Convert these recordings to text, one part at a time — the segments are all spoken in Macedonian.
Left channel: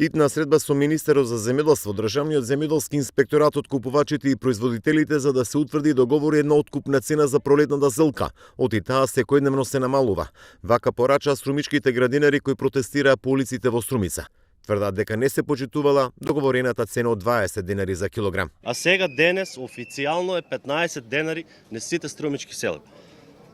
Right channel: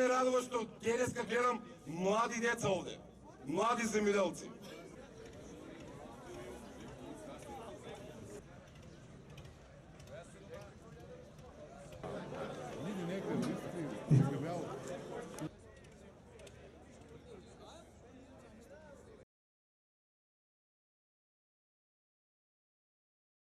Итна средба со министерот за земјоделство, државниот земјоделски инспекторат, откупувачите и производителите за да се утврди договор една откупна цена за пролетната зелка. Оти таа секојдневно се намалува. Вака порача струмичките градинари кои протестираа по улиците во Струмица. Тврдат дека не се почитувала договорената цена од 20 денари за килограм. А сега денес официјално е 15 денари на сите струмички села.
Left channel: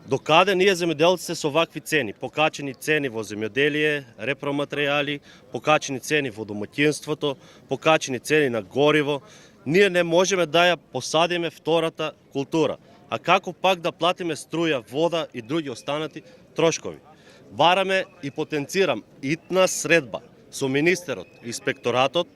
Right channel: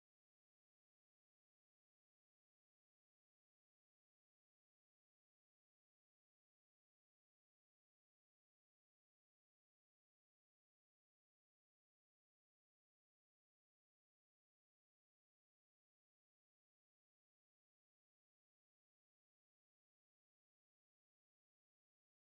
Докаде ние земјоделците со вакви цени, покачени цени во земјоделие, репроматеријали, покачени цени во домаќинството, покачени цени на гориво, ние не можеме да ја посадиме втората култура. А како пак да платиме струја, вода и други останати трошкови? Бараме и потенцирам итна средба со министерот, инспекторатот,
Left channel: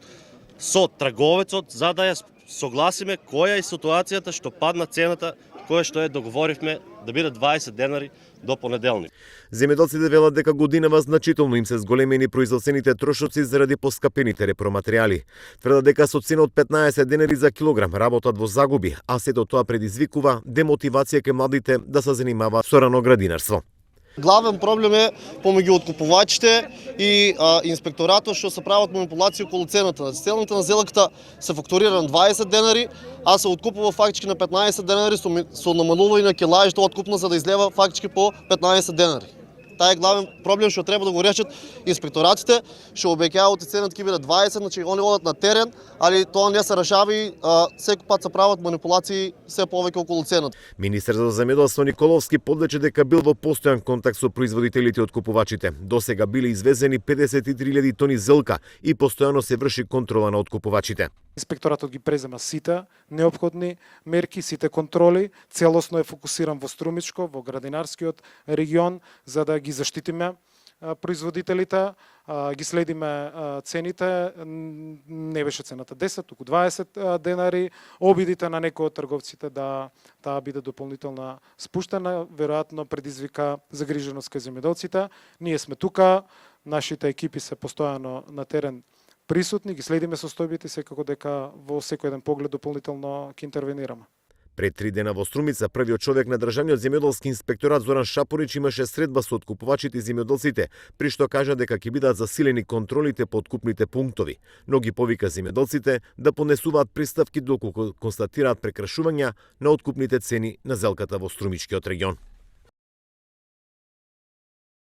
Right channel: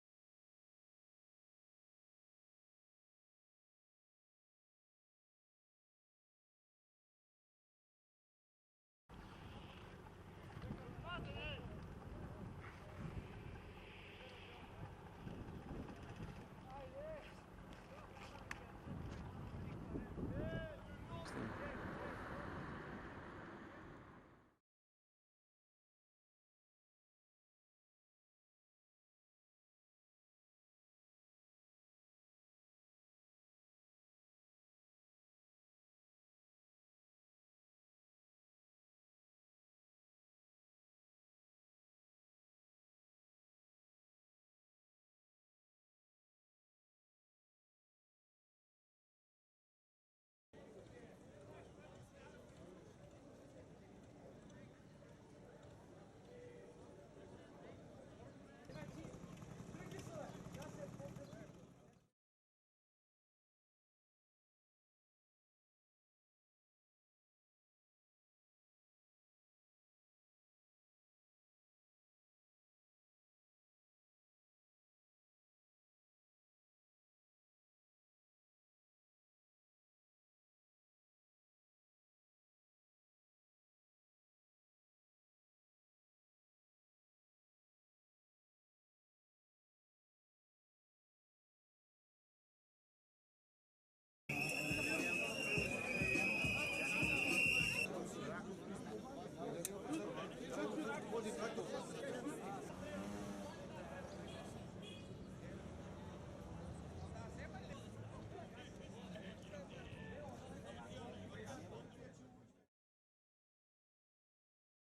со трговецот, за да ја согласиме која е ситуацијата што падна цената, која што договоривме да биде 20 денари до понеделник. Земјоделците велат дека годинава значително им се зголемени производствените трошоци заради поскапените репроматеријали. Тврдат дека со цена од 15 денари за килограм работат во загуби, а сето тоа предизвикува демотивација кај младите да се занимаваат со раноградинарство. Главен проблем е помеѓу откупувачите и инспекторатот што се прават манипулации околу цената. Цената на зелката се фактурира на 20 денари, а се откупува фактички на 15 денари со намалување на килажите откупна за да излева фактички по 15 денари. Тај е главен проблем што треба да го решат инспекторатите, што обеќауваат цената ќе биде 20, значи они одат на терен, али тоа не се решава и секој пат се прават манипулации се повеќе околу цената. Министер за земјоделство Николовски подлече дека бил во постојан контакт со производителите и откупувачите. Досега биле извезени 53.000 тони зелка и постојано се врши контрола на откупувачите. Инспекторатот ги презема сите неопходни мерки, сите контроли, целосно е фокусиран во Струмичко, во градинарскиот регион, за да ги заштитиме производителите, ги следиме цените, не беше цената 10, туку 20 денари, обидите на некои од трговците да таа биде дополнително спуштена, веројатно предизвика загриженост кај земјоделците. Ние сме тука, нашите екипи се постојано на терен присутни, ги следиме состојбите, секако дека во секој еден поглед дополнително ќе интервенираме. Пред 3 дена во Струмица, првиот човек на државниот земјоделски инспекторат Зоран Шапорич имаше средба со откупувачите и земјоделците, при што кажа дека ќе бидат засилени контролите по откупните пунктови, но ги повика земјоделците да понесуваат приставки доколку констатираат прекршувања на откупните цени на зелката во Струмичкиот регион.